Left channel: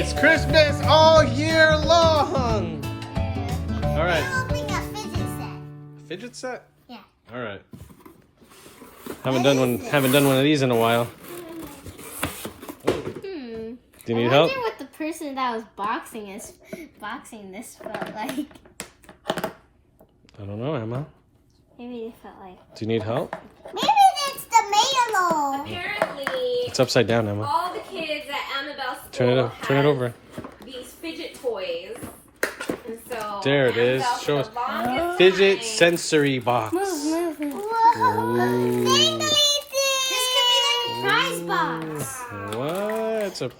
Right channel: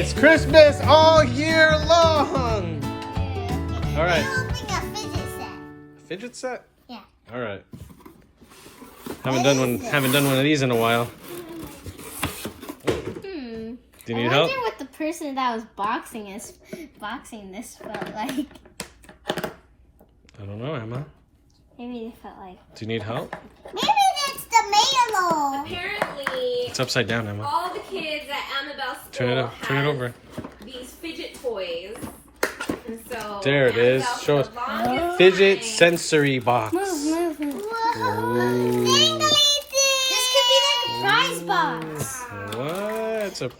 It's Christmas all year long. All right. We're opening a fidget set. Fidget set? Yeah. All right. Haven't done one of these in a while. Do you need help? I wonder what the person that was boxing this felt like. I don't know, Emma. Maybe it felt like. Do you need help? Maybe it's the mail. Apparently, It's upside down, Emma. all the kids at Ammabel's school Turn it over. these fidget toys. And so There it is. Ammabel, Show for us. the longest Fidget time- Sensory box. Move. Ooh. This could be like a prize box. What? It's a.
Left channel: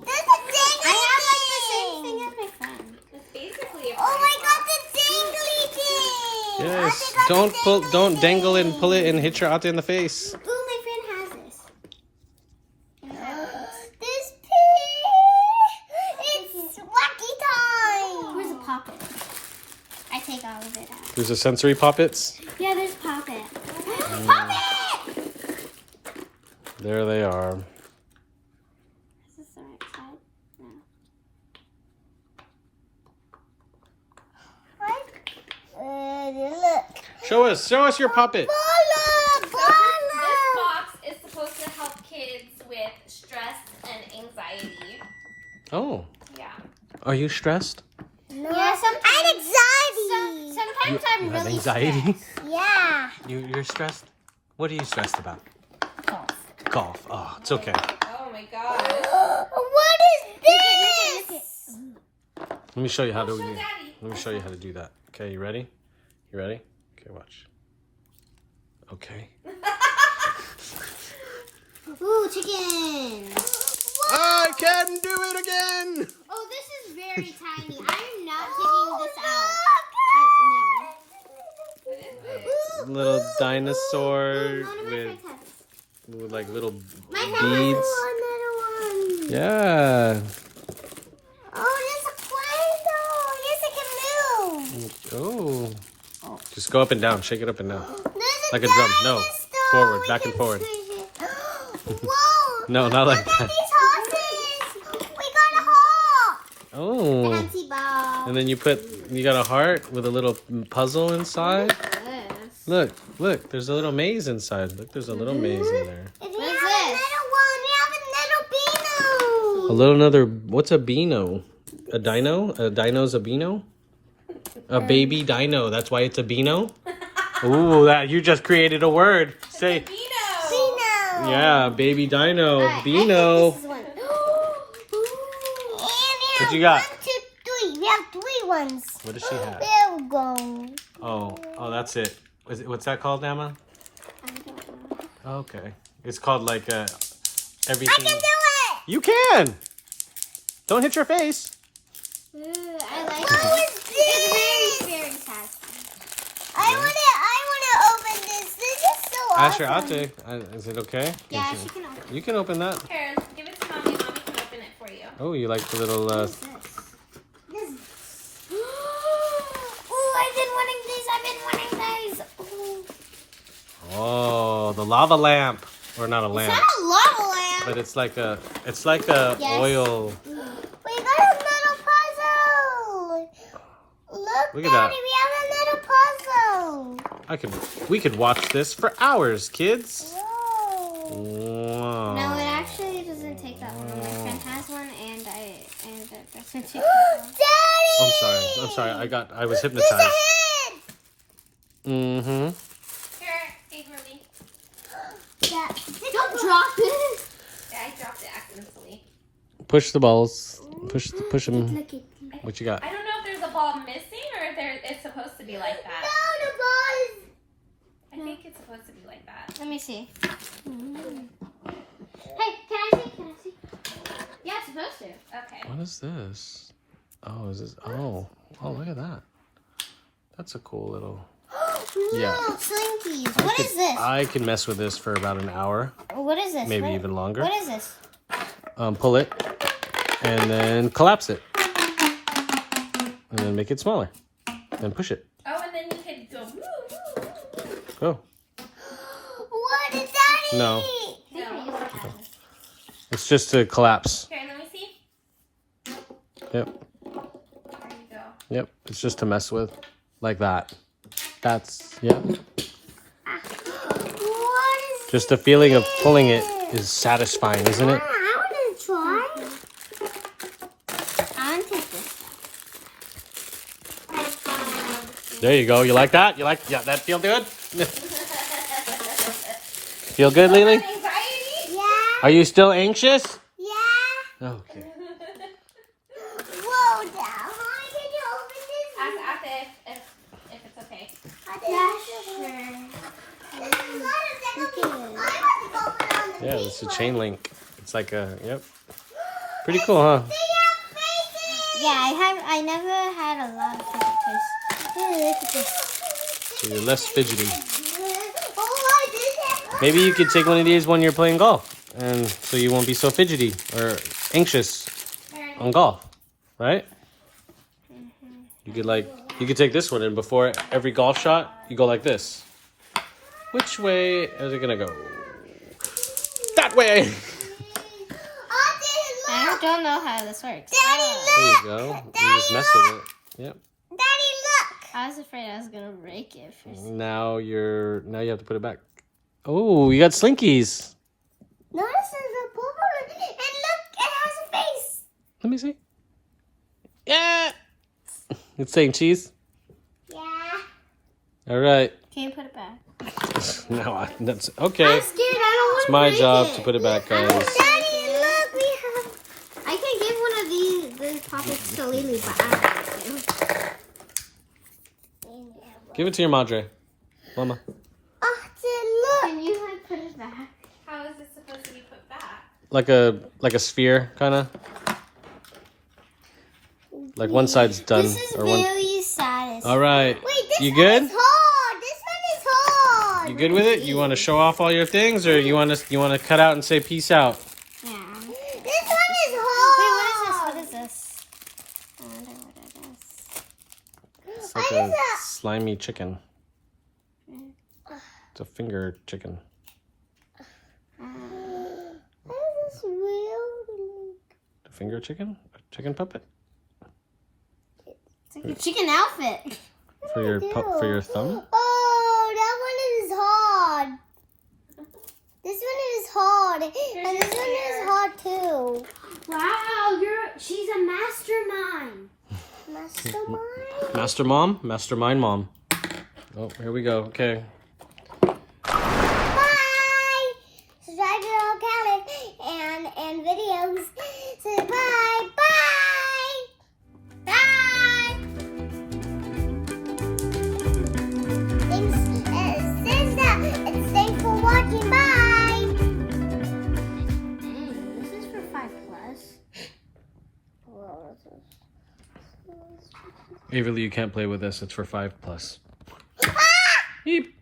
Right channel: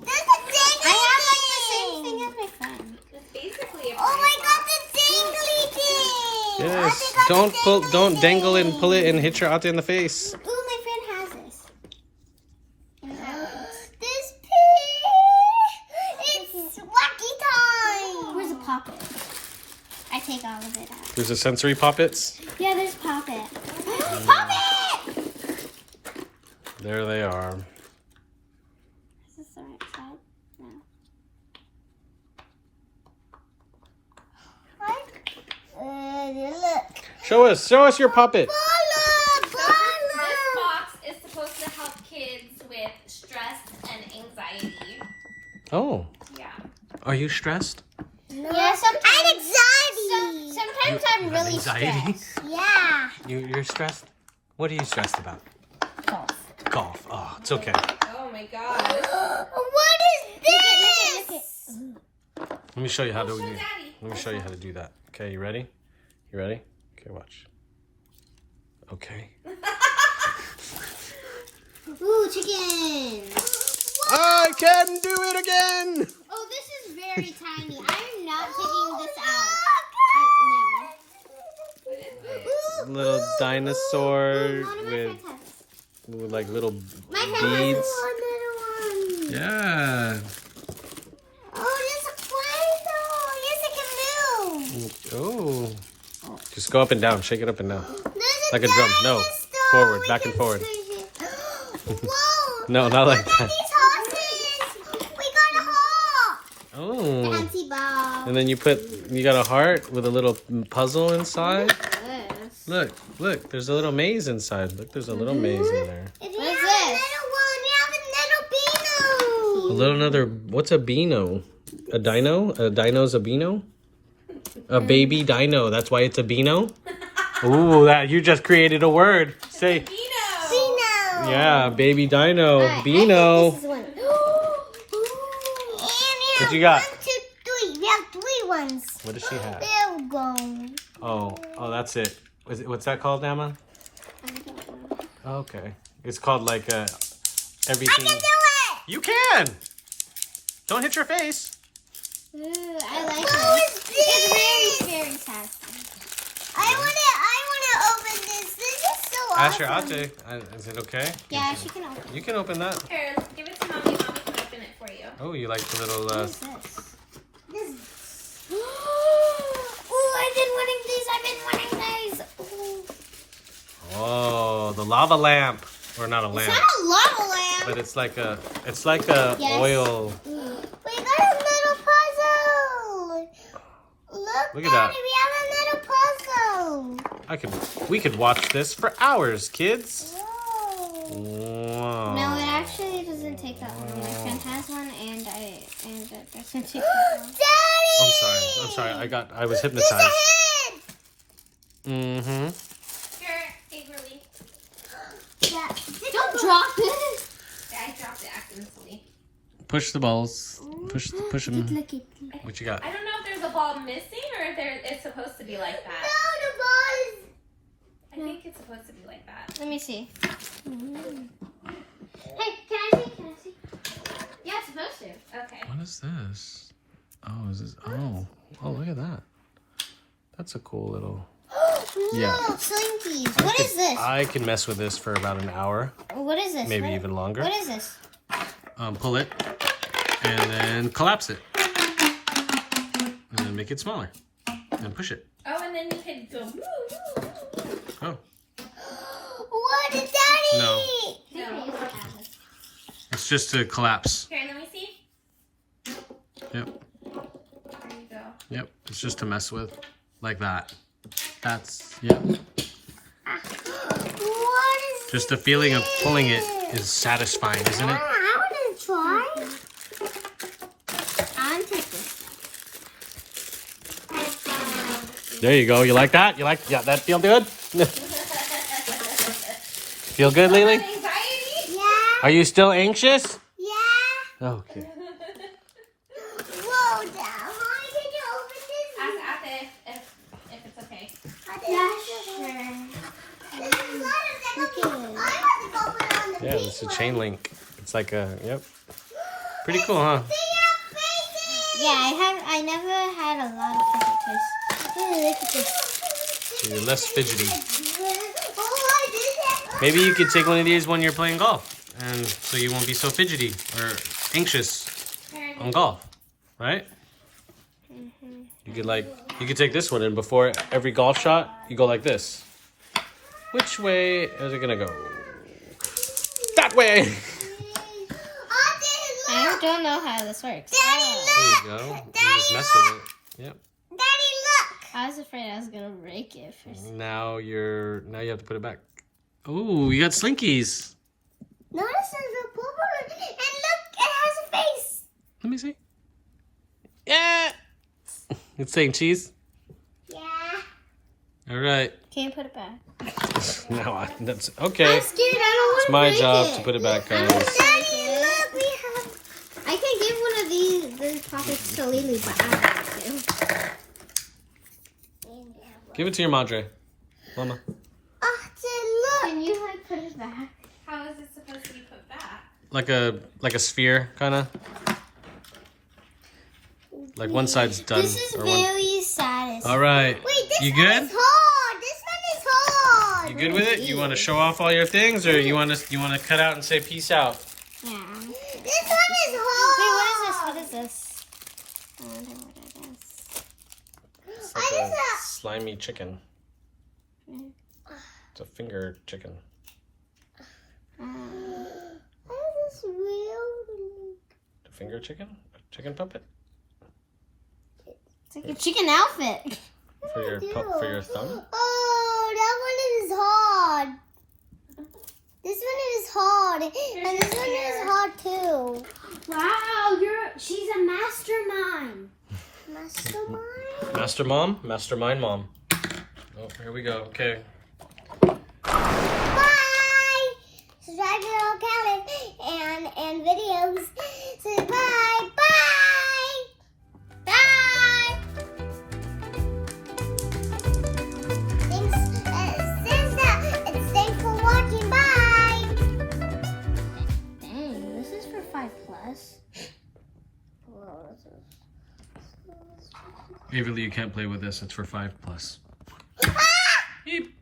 I have like the same thing as my friend. It's basically a Oh my prize god, the dangly thing! Yes. Don't dangle it and pull it and hit your ate in the face. Ooh, my friend has this. This pig! It's wacky time! Where's the poppet? I take all of it out. There's the sensory poppets. Yeah, there's poppet. Poppet! There they are. Is this the right side? No. Look. Show us your puppet. This box is supposed to help kids with stress and anxiety. Oh, Yeah. are you stressed? No. Yeah, sometimes. Anxiety. Sometimes I'm You have really anxiety? stressed. Yeah. You're stressed? What are you stressed about? Golf. Oh, it's okay. Oh my god. What is this? Let me show you how to Show Daddy. Let me show you how to do that. Okay, you ready? You ready? Okay, watch. Okay. Ooh, chicken. I can do it again. Oh, this is very tiny. I'm not taking this out. No. Little dinosaur None of my with friends have it. like little My friend has beads. one little one. Yeah. Oh, there's a play-doh. Yes, it can move. Oh. Just go up and down. Shake it up and down. There's Like a drum. No. dinosaur. Forward. We Back and can forward. swing it. Whoa. No, not like Look at that. these horses. We got a hawk. Oh. Fancy ball. And then you got a heart with a little puzzle inside. Look, there's a little maze inside. Look, there's a little maze in there. What is this? A little another, what's a beano? A dino? A dino's a beano? A baby dino, that's why it's a beano? Ooh, that you just created a word. Say, Beano. yeah, baby dino, beano. What you got? 1, 2, 3. We have 3 ones. What does she have? There we go. Oh, that's it. What's that called, Emma? I don't know. Okay. It's called like everything. I can do it. You can. Don't hit your face. Ooh, I like it. It's very satisfying. I wanna open this. This is so Asher, awesome. Ate, is it okay? Yeah, she can open it. You can open that. Here, give it to mommy. Mommy can open it for you. Oh, you like the little, What is this? Ooh, I've been wanting these. Ooh. oh, the lava lamp. Or not a lamp, It's not a lava lamp. but it's like a Yes. oil. We got a little puzzle. Look at that. Daddy, we have a little puzzle. We could watch this for hours, kids. Whoa. Wow. No, it actually doesn't take that long. My friend has one, and it doesn't take that long. Daddy! I'm sorry. I was hypnotized. Mm-hmm. Here, take mommy. Don't drop it. Yeah, I dropped it accidentally. Push the balls. Push them. Look it. What you got? I don't know if there's a ball missing or if it's supposed to be like that. No, the ball is... I think it's supposed to be like that. Let me see. Hey, can I see? Yeah, it's supposed to. Okay. What is this? Oh, is this? Oh, look at that. That's a cool little. Yeah. Slinkies. What is this? I can mess with this for about an hour, What is this? maybe even longer. What is this? Pull it, and then collapse it, and then make it smaller, and push it. Oh, and then you can go. Go. What is Daddy? No. No. It's just to collapse. Here, let me see. Yep. There you go. Yep. It's just to mess with. Like that. That's, yep. What is Just the feeling of pulling it is satisfying, isn't it? I want to try. I want to take this. There you go. You like that? You like, yeah, that feel good? Feel good, Lily? Anxiety? Yeah. Are you still anxious? Yeah. Okay. Whoa, Dad. Mommy, can you open this? Ask if it's okay. Yeah, sure. Yeah, it's a chain link. It's like a, yep. Pretty cool, huh? Yeah, I never had a lot of fidget toys. Hey, look at this. So you're less fidgety. Maybe you could take one of these when you're playing golf. And so you won't be so fidgety or anxious on golf. Right? You could take this one and before every golf shot, you go like this. Which way is it gonna go? That way! I don't know how this works. There you go. You just mess with it. Yep. Daddy, look! I was afraid I was gonna break it first. Now you have to put it back. Oh, you got slinkies. Notice there's a bubble and look, it has a face. Let me see. Yeah. It's saying cheese. Yeah. All right. Can you put it back? No, that's okay. I'm scared. I don't want It's to my break job it. to put it back, guys. Daddy, look, I can give one of these pockets to Lily, but I don't want to. Give it to your madre, Mama. Oh, look. Can you put it back? How is it supposed to be put back? Like a sphere, kind of. Like one side's done. This is very satisfying. All right. Wait, this You one good? is hard. This one is hard. You good with it? You want to show off all your things, or you want to cut out and say peace out? Yeah. This one is hard. Wait, what is this? I wonder what it is. It's like a slimy chicken. It's a finger chicken. What is this real? A finger chicken? A chicken puppet? It's like a chicken outfit. For your thumb? Oh, that one is hard. This one is hard, and this one is hard too. Wow, she's a mastermind. Mastermind? Master mom? Mastermind mom. Oh, here we go. Okay. Bye. Subscribe to our channel and videos. So bye. Bye. Bye. Thanks for watching. Bye. Hey, this is for 5+. Averlee, you can't play with this. It's for 5+. Yeep.